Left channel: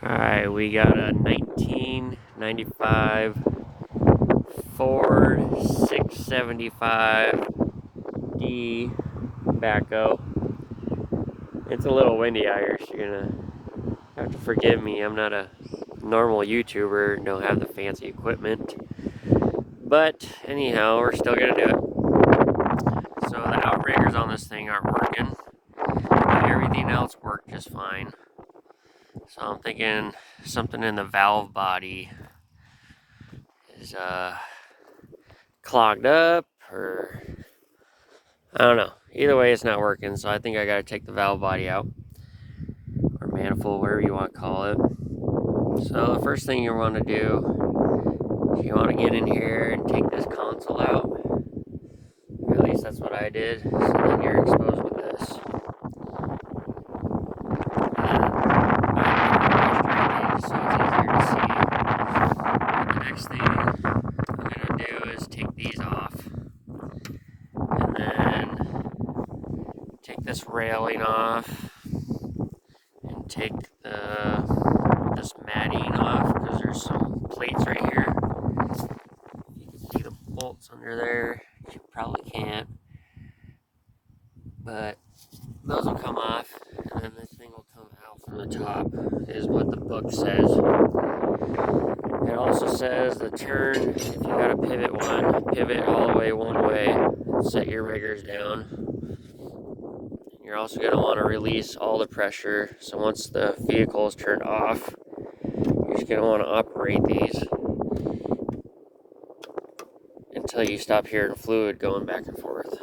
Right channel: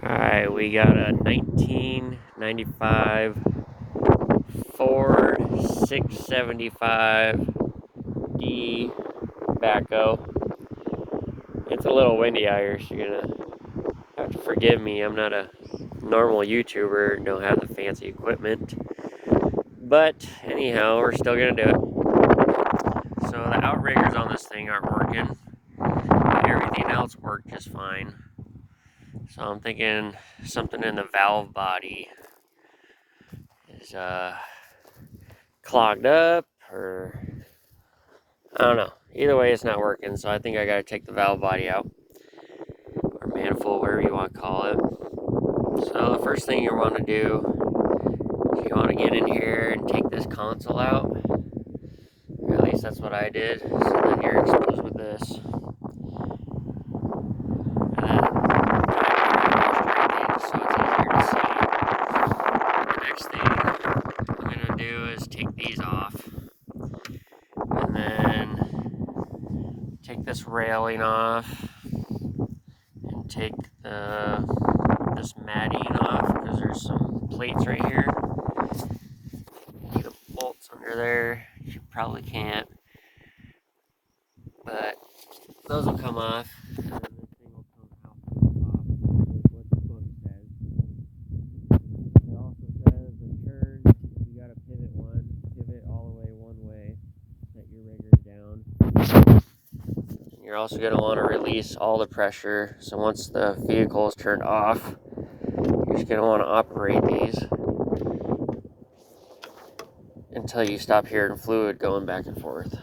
Alright, we got a 1995 Ford 675D backhoe. It's a little windy out here, so you're gonna have to forgive me. I'm not a normal YouTuber, don't have the fancy equipment. But anyhow, we're still gonna do it. So the outriggers on this thing aren't working. Everything else worked just fine. So I'm thinking something in the valve body is clogged up, or I don't know. Either way, it's not working, so I think I gotta take the valve body out, or manifold, whatever you want to call it. So the first thing you want to do is you want to get in here and take this console out. Or at least that's what I did. So then you're exposed with this. The next thing I'm gonna do is take these off, and then take this railing off, and take this matting off, because there's some plates right here. See the bolts under there? You probably can't, but those will come off, and then this thing will come out from the top, is what the book says. It also says the turn, if you got a pivot all the way one way, set your riggers down. You're also going to want to release all the pressure, so once the vehicle is turned off, you're just going to want to operate these until you stop hearing fluid going back and forth.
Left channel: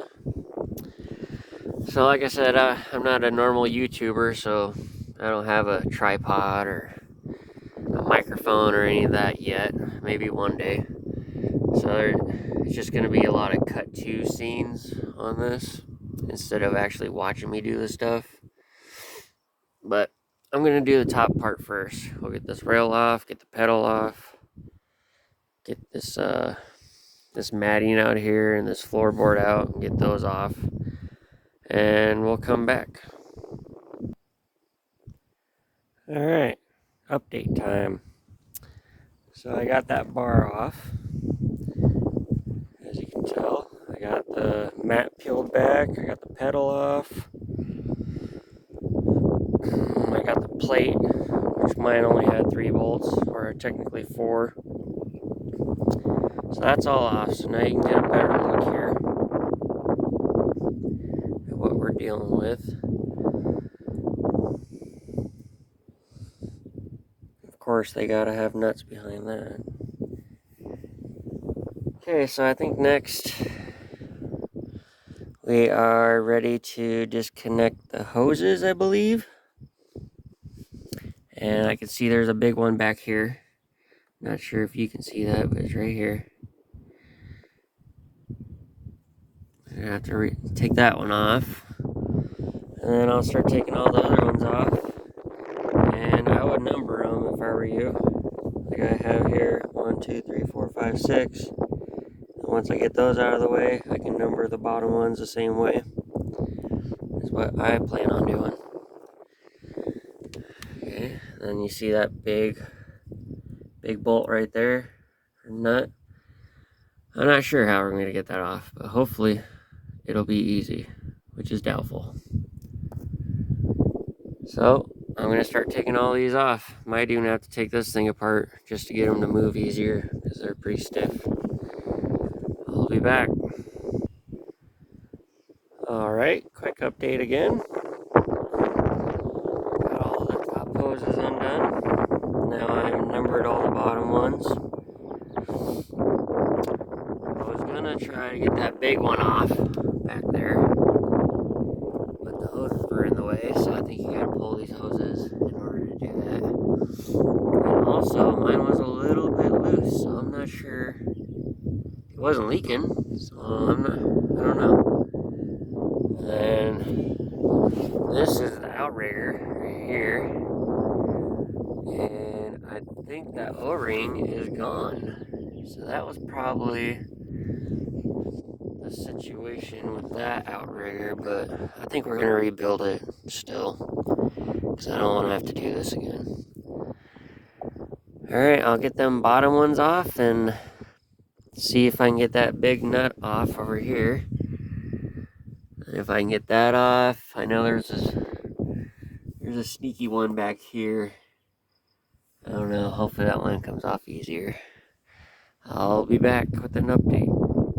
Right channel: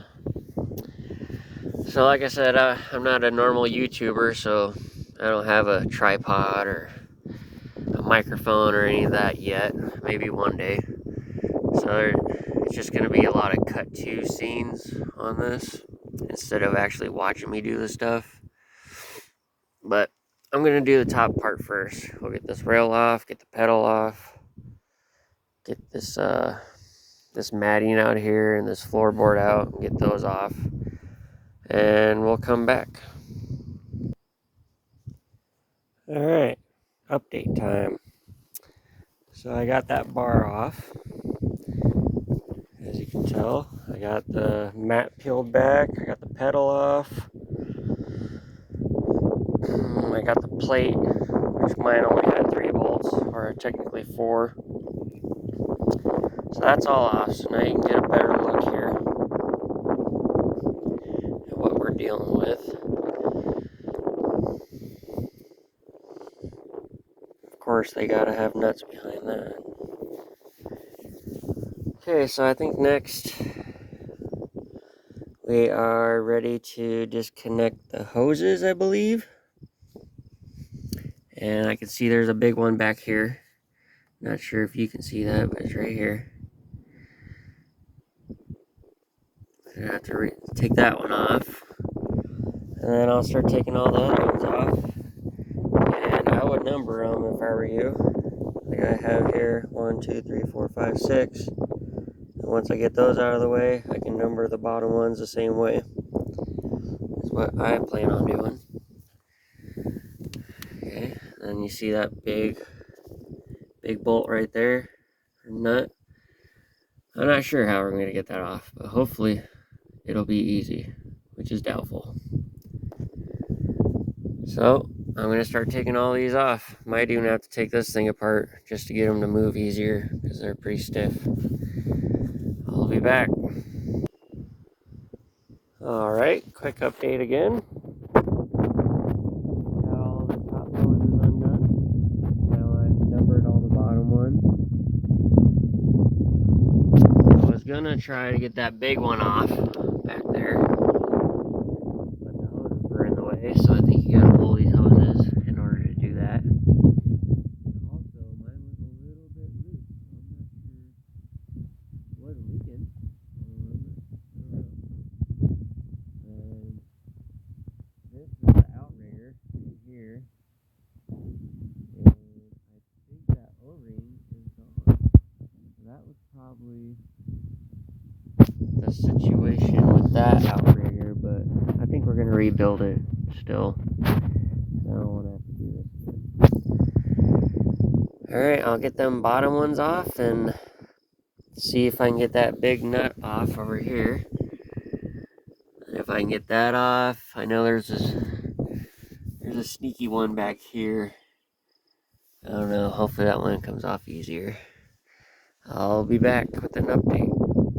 So like I said, I'm not a normal YouTuber, so I don't have a tripod or a microphone or any of that yet. Maybe one day. So it's just going to be a lot of cut to scenes on this instead of actually watching me do this stuff. But I'm going to do the top part first. We'll get this rail off, get the pedal off, get this this matting out here and this floorboard out, and get those off, and we'll come back. Alright, update time. So I got that bar off. As you can tell, I got the mat peeled back, I got the pedal off, I got the plate, which mine only had 3 bolts, or technically 4. So that's all off, so now you can get a better look here at what we're dealing with. Of course, they gotta have nuts behind that. Okay, so I think next we are ready to disconnect the hoses, I believe. And I can see there's a big one back here. Not sure if you can see that, but it's right here. I'm gonna have to take that one off. And then I'll start taking all the other ones off. And I would number them if I were you. Like I have here 1, 2, 3, 4, 5, 6. And once I get those out of the way, I can number the bottom ones the same way. That's what I plan on doing. Okay, then you see that big bolt right there, or nut. I'm not sure how we're going to get that off, but hopefully it'll be easy, which is doubtful. So I'm going to start taking all these off. Might even have to take this thing apart just to get them to move easier, because they're pretty stiff. I'll be back. Alright, quick update again. Got all the top hoses undone. Now I've numbered all the bottom ones. I was gonna try to get that big one off back there, but the hoses were in the way, so I think you gotta pull these hoses in order to do that. And also, mine was a little bit loose, so I'm not sure. It wasn't leaking, so I don't know. And this is the outrigger right here, and I think that O-ring is gone. So that was probably the situation with that outrigger, but I think we're going to rebuild it still, because I don't want to have to do this again. Alright, I'll get them bottom ones off and see if I can get that big nut off over here. If I can get that off, I know there's a sneaky one back here. I don't know, hopefully that one comes off easier. I'll be back with an update.